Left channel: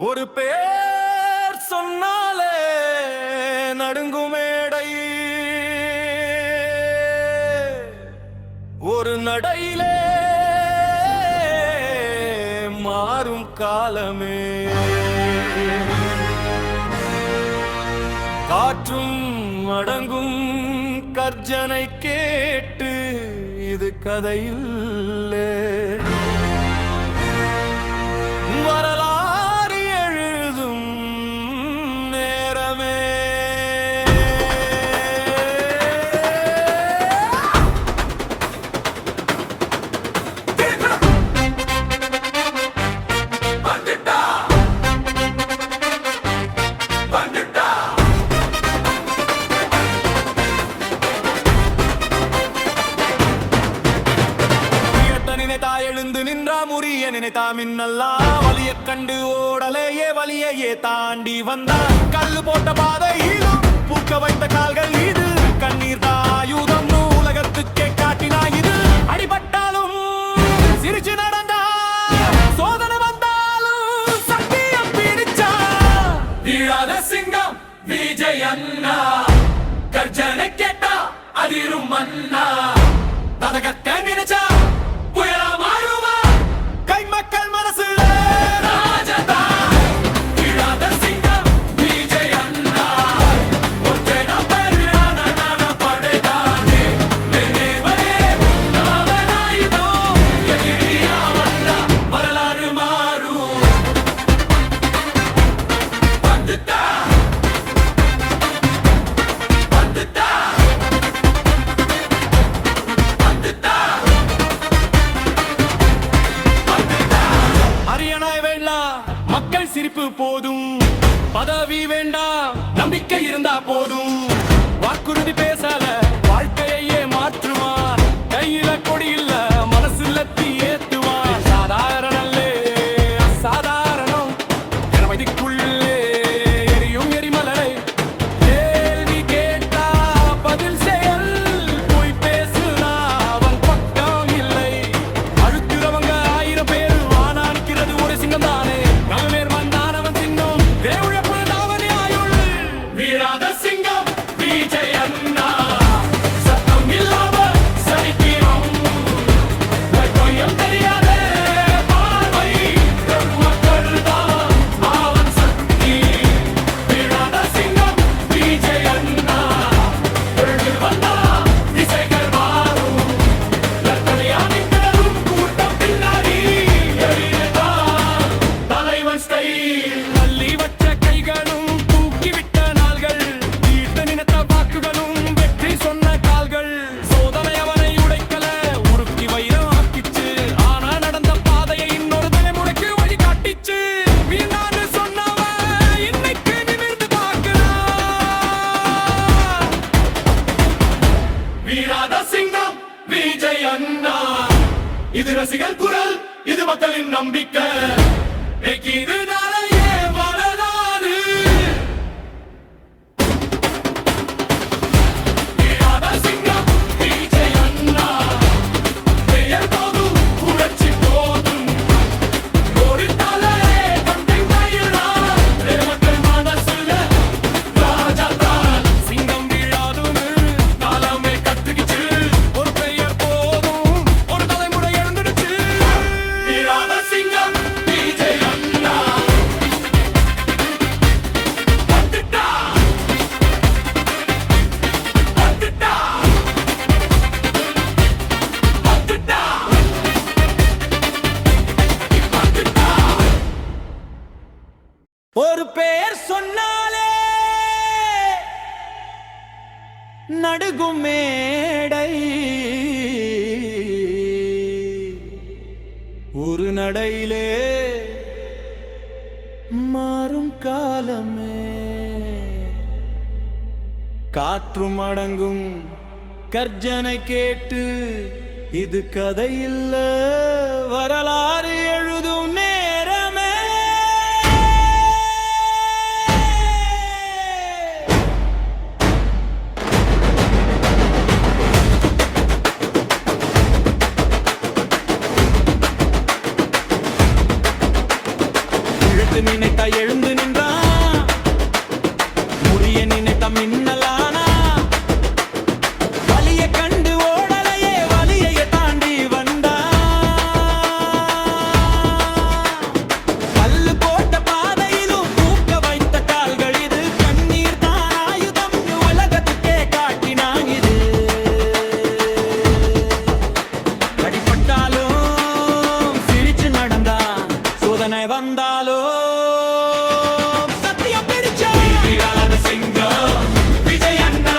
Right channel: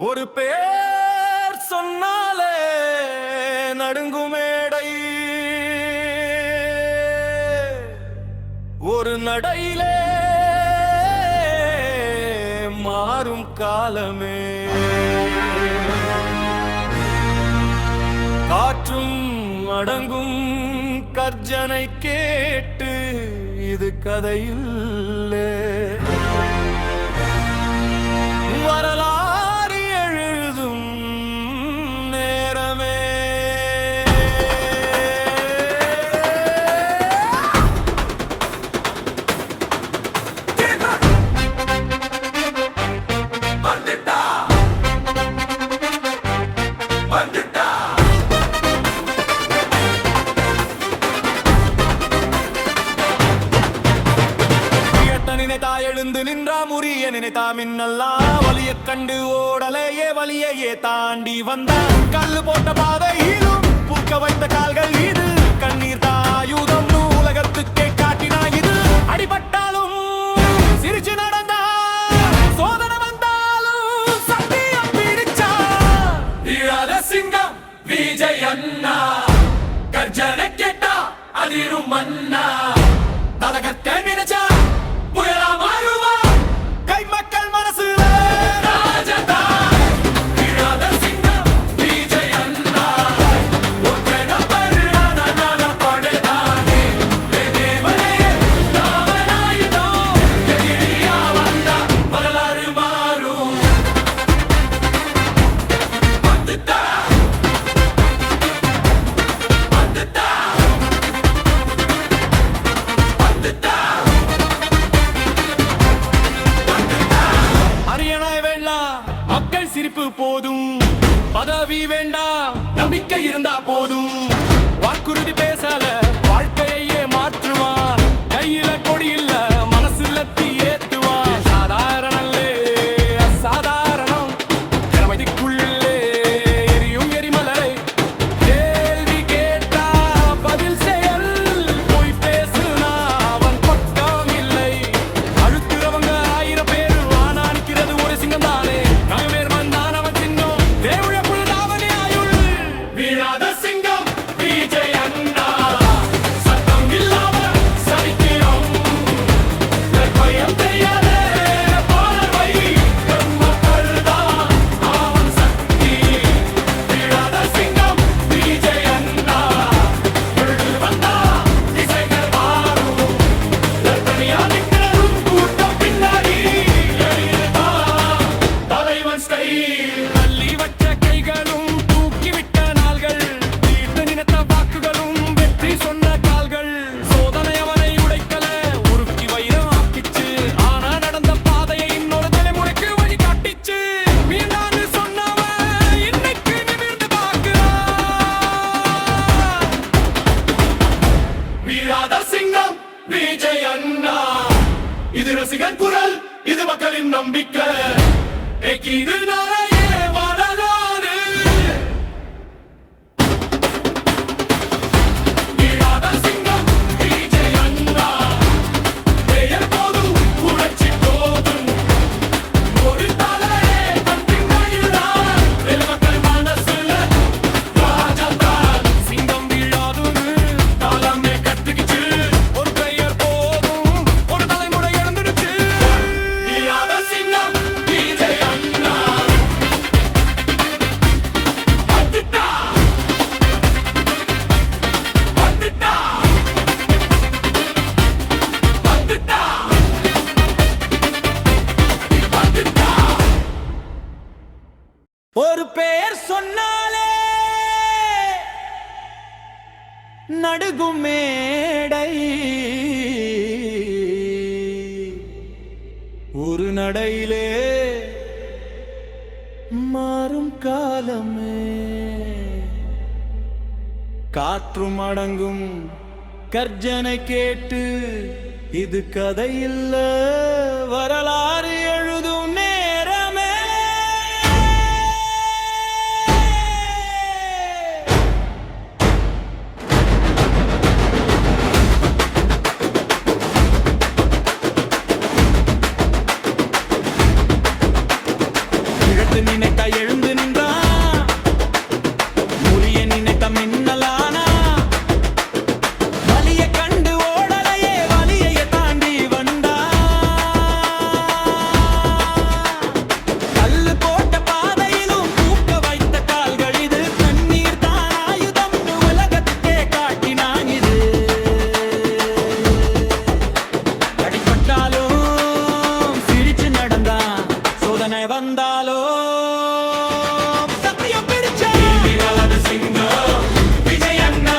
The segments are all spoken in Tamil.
ஒரு பேர் சொன்னாலே நடுங்குமேடை, ஒரு நடையிலே மாறும் காலமே. காற்றும் அடங்கும் கர்ஜனை கேட்டு இது கதையில்லே, வரலாறு எழுதும் நேரமே. நினைத்தா எழுந்து நின்றா முறிய நினைத்தா மின்னல்லா வலிய கண்டு ஓடலையே வலியையே தாண்டி வந்தான். கல்லு போட்ட பாதையிலும் பூக்க வைத்த கால்கள் இது, கண்ணீர் தாயுதம் உலகத்துக்கே காட்டினா இது. அடிபட்டாலும் சிரிச்சு நடந்தா, சோதனை வந்தாலும் சத்தியம் பிடிச்சா. வீழாத சிங்கம் விஜய் அண்ணா, கர்ஜனை கேட்டா அதிரும் மன்னா. ததகத்தை நினைச்சா புயலா மாறுவா, கை மக்கள் மனசுல ராஜதா. வீழாத சிங்கம் விஜய் அண்ணா, ஒற்றன பரிணான நடப்படைதானே. என்னேவரே ராமனாயுதோ, எதிரியா வந்தா வரலாறு மாறும். வந்துட்டா வந்துட்டா வந்துட்டா. அரியணை வேண்டாம், மக்கள் சிரிப்பு போதும். பதவி வேண்டாம், நம்பிக்கை இருந்தா போதும். வாக்குறுதி பேசல, வாழ்க்கையே மாற்றுவான். கையில கொடி இல்ல, மனசுல தீ ஏத்துவான். சாதாரணல்லே அசாதாரணம், திறமைக்குள்ளே எரியும் எரிமலரை. கேள்வி கேட்டா பதில் செயல், போய் பேசுனா அவன் பக்கம் இல்லை. அழுத்துறவங்க 1000 பேரு, ஒரு சிங்கம் தானே நகமேர் மந்தான் அவன் சின்னம். தேவுழப்புள் தாவணி ஆயுள். வீழாத சிங்கம் விஜய் அண்ணா, சத்தம் இல்லாம சரித்திரம். லட்பயம் தெரியாத பார்வை, மக்கள் தான் அவன் சக்தி. வீழாத சிங்கம் விஜய் அண்ணா, எழுந்து வந்தா திசைகள் மாறும். லட்பணியா நிற்கிறதும் கூட்டம் பின்னாடி தள்ளி வச்ச கைகளும் தூக்கிவிட்ட நாள்கள், தீர்த்து நினைத்த வாக்குகளும் வெற்றி சொன்ன கால்கள். சோதனை அவனை உடைக்கல, உருக்கி வைரம் ஆக்கிச்சு. ஆனா நடந்த பாதையை இன்னொரு தலைமுறைக்கு வழி காட்டிச்சு. மீண்டான்னு சொன்னவன் இன்னைக்கு நிமிர்ந்து பார்க்கிறான். வீழாத சிங்கம் விஜய் அண்ணா, இது ரசிகர் குரல், இது மக்களின் நம்பிக்கை. இது நாளையே வரலாறு. வீழாத சிங்கம் விஜய் அண்ணா, பெயர் போதும் புரட்சி போதும். ஒரு தலையே தந்தையின் கையில்தான், மக்கள் மனசுல ராஜாதான். சிங்கம் வீழாதுன்னு காலமே கத்துக்கிச்சு. ஒரு பெயர் போதும், ஒரு தலைமுறை எழுந்துடுச்சு. வீழாத சிங்கம் விஜய் அண்ணா, வந்துட்டா வந்துட்டா வந்துட்டா வந்துட்டா. ஒரு பெயர் சொன்னாலே நடுகும் மேடை, ஒரு நடையிலே மாறும் காலமே. காற்றும் அடங்கும் கர்ஜனை கேட்டு இது கதையில்ல, வரலாறு எழுதும் நேரமே. இழத்து நினைத்த எழுந்து நின்றான். முறிய நினைத்த மின்னலானா வலிய கண்டு ஓடலையே வலியை தாண்டி வந்தா. கல்லு போட்ட பாதையிலும் பூக்க வைத்த கால்கள் இது. கண்ணீர் தான் ஆயுதம் உலகத்துக்கே காட்டினான் இது. அடிப்பட்டாலும் சிரிச்சு நடந்தான். சோதனை வந்தாலோ சத்தியம் பிடிச்சா. சிங்கம் விஜய் அண்ணா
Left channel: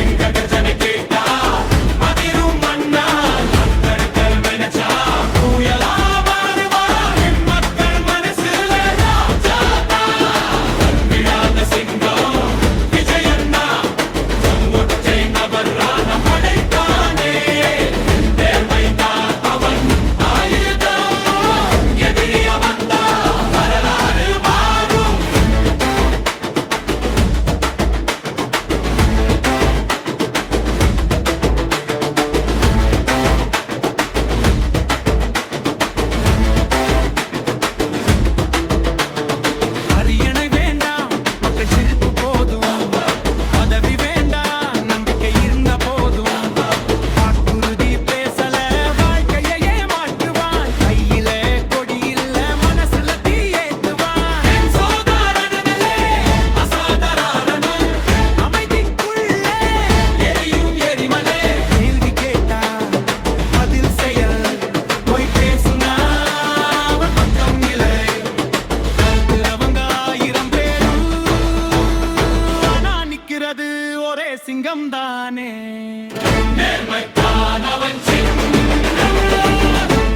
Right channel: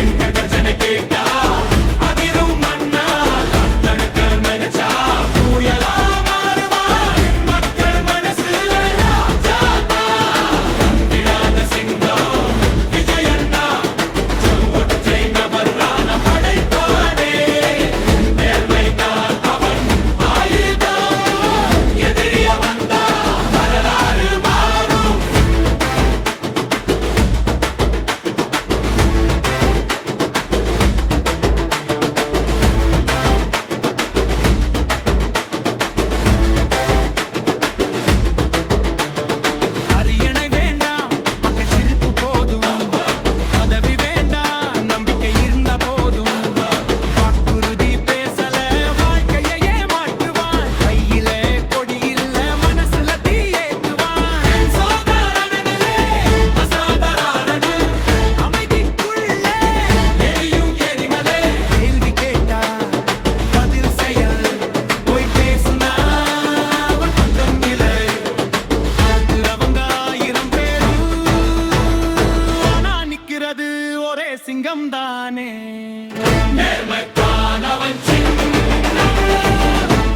எங்க கர்ஜனை கேட்டா அதிரும் மண்ணா. கத்தருக்கள் மெனச்சா புயலா மாறுவான் மக்கள் மனசுல ராஜாதா. வந்திடாத சிங்கம் விஜய் அண்ணா ஒற்றை நபரான படைத்தானே. நேர்மைதான் அவன் ஆயுதம். எதிரிய வந்தா வரலாறு மாறும். அரியணை வேண்டாம் மக்கள் சிரிப்பு போதும். பதவி வேண்டாம் நம்பிக்கை இருந்த போதும். வாக்குறுதி பேசல வாழ்க்கையே மாற்றுவான். கையில கொடி இல்ல மனசுல தீ ஏத்துவான். சோதாரணனே அசாதாரண அமைதிக்குள்ளே எரியும் எரிமலை. கேள்வி கேட்டா பதில் செயல். போய் பேசுனா அவன் பக்கம் இல்லை. கருத்துறவங்க 1000 பேரும் ஆனா நிக்கிறது ஒரே சிங்கம் தானே. நேர்மைத்தான் அவன் சிங்கம்.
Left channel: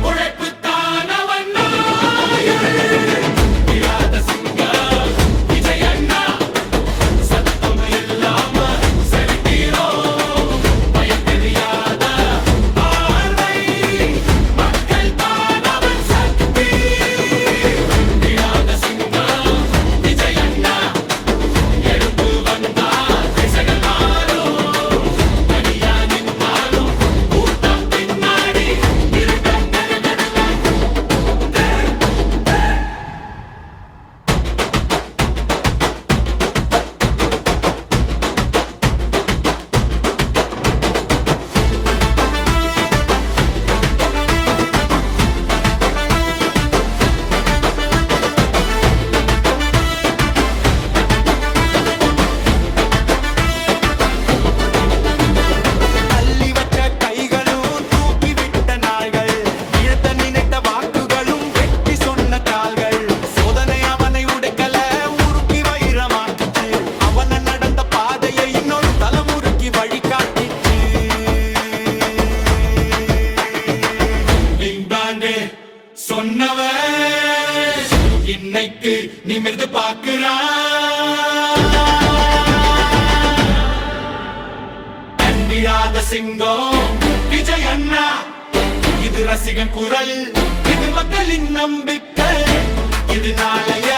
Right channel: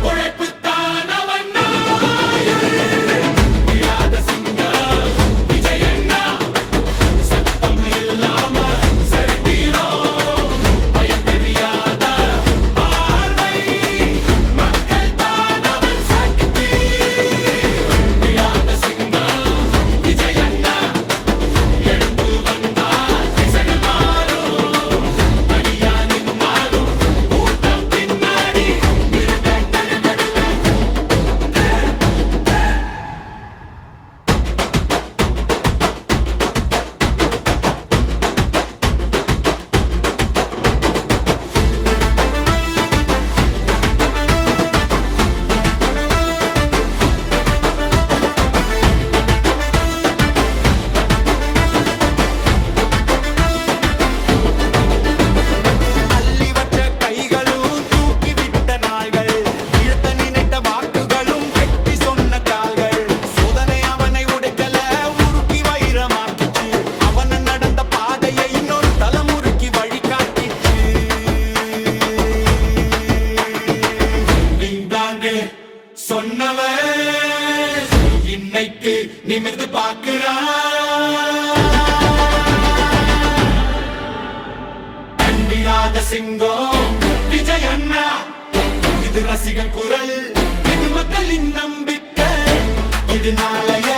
உழைப்புத்தான் அவன் நாயுள். விடாத சிங்கம் விஜய் அண்ணா. சத்தம் இல்லாம சரித்திரம். பயம் தெரியாத பார்வை. மக்கள் தான் அவன் சக்தி. விடாத சிங்கம் விஜய் அண்ணா. எழுந்து வந்தா திசைகள் மாறும். தனியா நின்னாலும் கூட்டம் பின்னாடி இருட்டல் தருதல். தள்ளி வச்ச கைகளும் தூக்கி விட்ட நாள்கள். இழுத்த நினைத்த வாக்குகளும் வெற்றி சொன்ன கால்கள். சோதனை அவனை உடைக்கல உருக்கி வைரமாக்கிச்சு. அவன நடந்த பாதையை இன்னொரு தலைமுறைக்கு வழிகாட்டிச்சு. லிங்கானு சொன்னவன் இன்னைக்கு நிமிர்ந்து பார்க்கிறான். அந்திராத சிங்கம் விஜய் அண்ணா. இது ரசிகன் குரல். இது மக்களின் நம்பிக்கை. இது நாளைய